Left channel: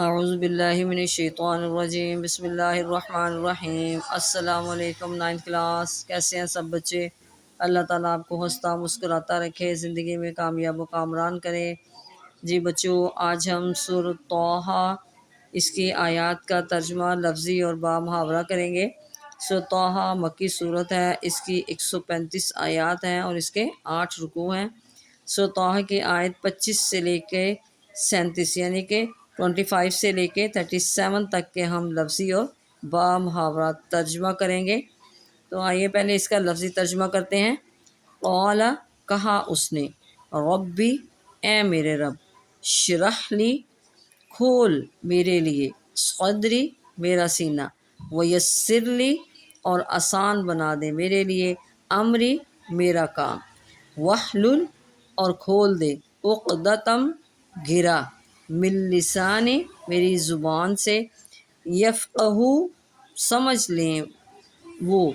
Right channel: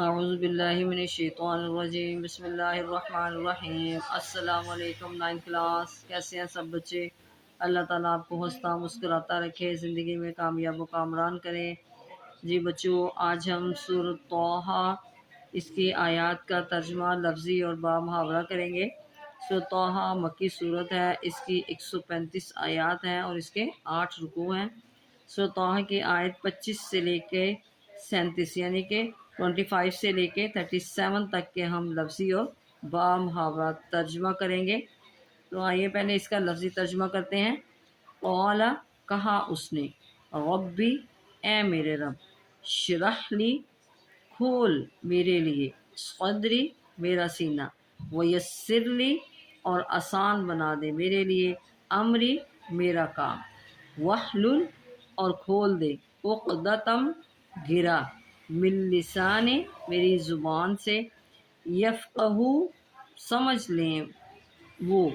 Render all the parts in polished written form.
اعوذ باللہ من الشیطان الرجیم، بسم اللہ الرحمن الرحیم۔ السلام علیکم 9th کلاس، کیسے ہیں سب بچے؟ اللہ تعالیٰ آپ کو ہنستا مسکراتا رکھے، زندگی میں کامیاب و کامران کرے۔ جی بچوں، آج ہم سورۃ طٰہٰ اس کی آیات کا ترجمہ لفظی اور با محاورہ کریں گے۔ سورۃ طٰہٰ مکی صورت ہے، اس کی 135 آیات ہیں اور اس کے 8 رکوع ہیں۔ سورۃ طٰہٰ کی آیت 25 سے لے کے 37 یعنی کہ 25 سے لے کے 37 تک کے ہم لفظی اور با محاورہ ترجمہ کریں گے۔ تو آئیے پہلے اس کا لفظی ترجمہ کرتے ہیں۔ قال کہا اس نے، ربی اے میرے رب، شرح لی کھول میرے لیے، صدری میرا سینہ، ویسر لی اور آسان بنا دے میرے لیے، امری میرا کام، واحلل اور کھول دے، عقدۃم گرا، من لسانی میری زبان سے، یفقہو سمجھ لیں وہ،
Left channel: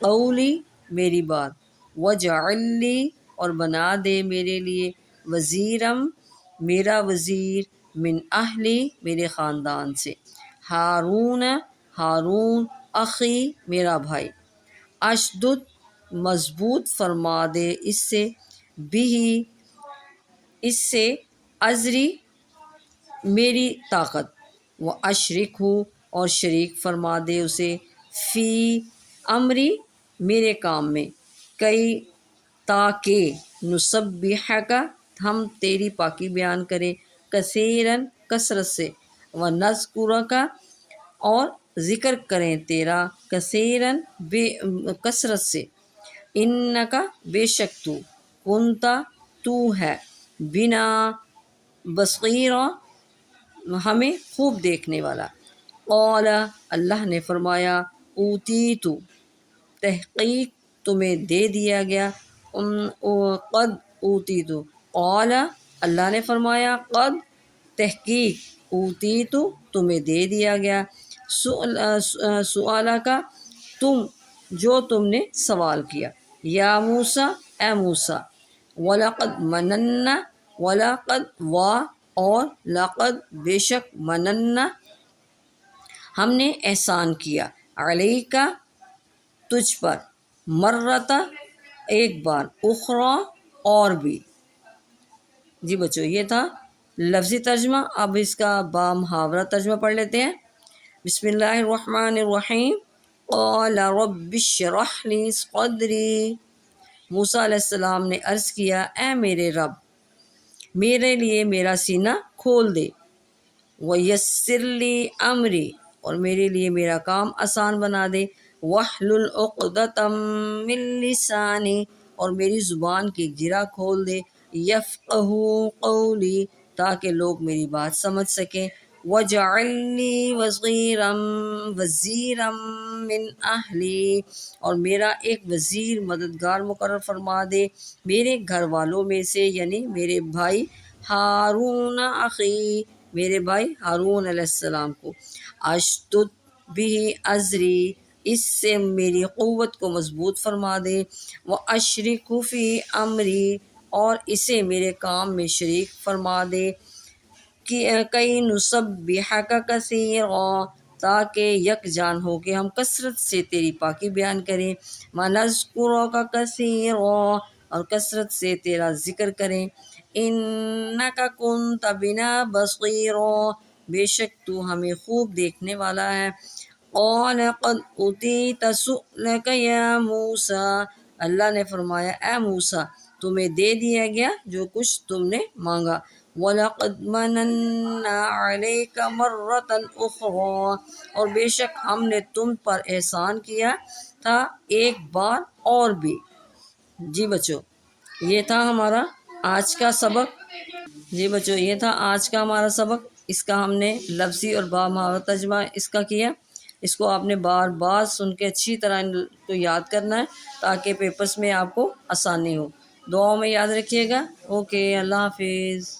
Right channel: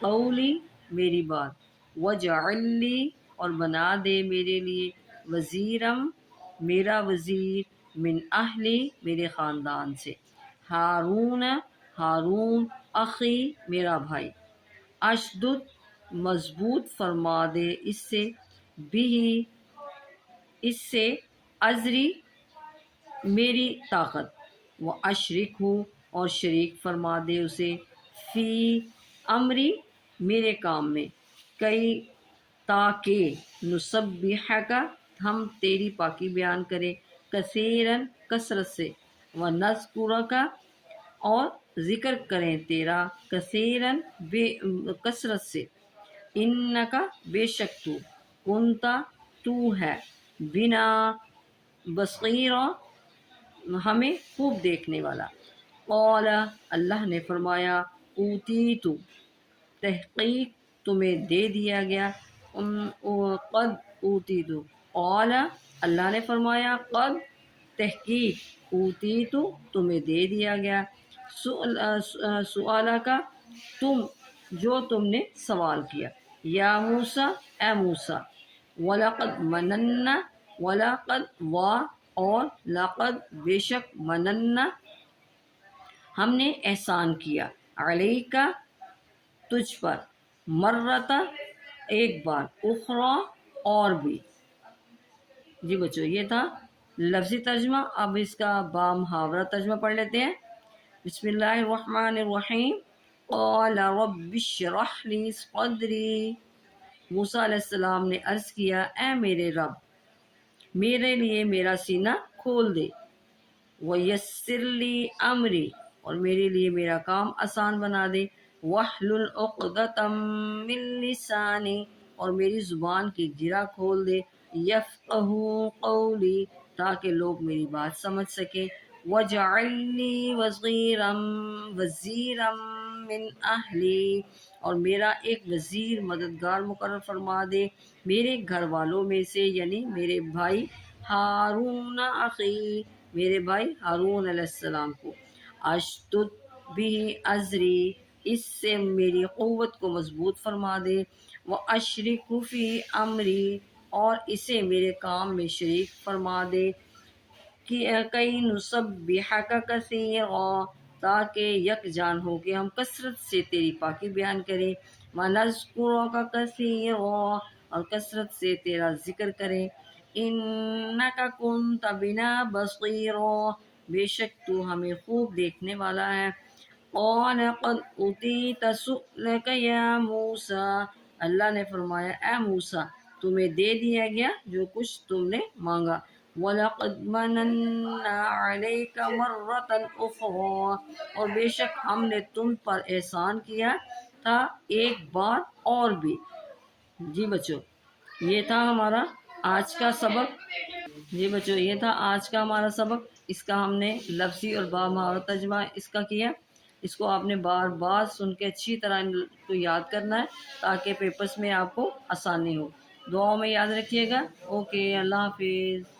قولی میری بات، وجعل لی اور بنا دے میرے لیے، وزیرم میرا وزیر، من اہلی میرے خاندان سے، ہارون ہارون، اخی میرا بھائی، اشدد مضبوط فرما دے اس سے، بھی اس سے، ازری میری طاقت، وہ اشرک ہو اور شریک فرما دے اسے، فی امری میرے کام میں، کئی تاکہ نسبحک ہم تیری پاکی بیان کریں، کثیرن کثرت سے، ونذکرک اور ذکر کریں تیرا، کثیرن کثرت سے، انکا بے شک تو، کنتا تو ہے، بنا بصیرا ہمیں خوب دیکھنے والا۔ قال اللہ نے فرمایا، اوتیتو تحقیق تمہیں دے دیا گیا، قد اوتیتو، قال اللہ نے فرمایا، قد تحقیق، اوتیتو تمہیں دے دیا گیا، سؤالہ کا جو تم نے سوال کیا، یا موسیٰ اے موسیٰ، وَلَقَدْ مَنَنَّا وَلَقَدْ اور لقد بے شک، مننا ہم نے احسان کیا، علیکا تجھ پر، مرتا ایک بار، اخرى اور بھی۔ جی بچوں، یہ تھا لفظی ترجمہ۔ اب اس کا با محاورہ ترجمہ پڑھ لیتے ہیں۔ بسم اللہ الرحمن الرحیم۔ قال رب اشرح لی صدری، موسیٰ علیہ السلام نے عرض کیا، اے میرے رب، میرے لیے میرا سینہ کھول دے، ویسر لی امری اور میرے لیے میرا کام آسان بنا دے، واحلل عقدۃ من لسانی اور میری زبان کی گرہ کھول دے، یفقہوا قولی تاکہ لوگ میری بات سمجھ سکیں، وجعل لی وزیرا من اہلی اور میرا ایک وزیر مددگار مقرر فرما دے میرے گھر والوں میں سے، یعنی میرے بھائی ہارون اخی، میرے بھائی ہارون علیہ السلام کو، اشدد بھی ازری اس سے میری قوت کو مضبوط فرما دے، واشرک فی امری اور اسے میرے کام میں شریک فرما دے، کئی نسبحک کثیرا تاکہ یک جان ہو کہ ہم کثرت سے تیری پاکی بیان کریں، ونذکرک کثیرا اور کثرت سے تیرا ذکر کریں، انک کنت بنا بصیرا بے شک تو ہمیں خوب دیکھنے والا ہے۔ قال قد اوتیت سؤلک یا موسیٰ، اللہ نے فرمایا، اے موسیٰ، تمہیں دے دیا گیا جو کچھ تم نے مانگا، وَلَقَدْ مَنَنَّا عَلَيْكَ مَرَّةً أُخْرَى اور بے شک ہم نے تم پر احسان کیا تھا ایک بار اور بھی۔ جی بچوں، یہ تھا ہمارا آج کا سبق۔ یہ تھا آج کا ہمارا سبق۔ اس کا ہم نے لفظی اور با محاورہ ترجمہ اس کا کیا۔ اس کو آپ نے بار بار سن کے اچھی طرح ان کو یاد کرنا ہے تاکہ پیپرز میں آپ کو آسانی ہو۔ دعاؤں میں یاد رکھیے گا۔ اوکے، اللہ حافظ۔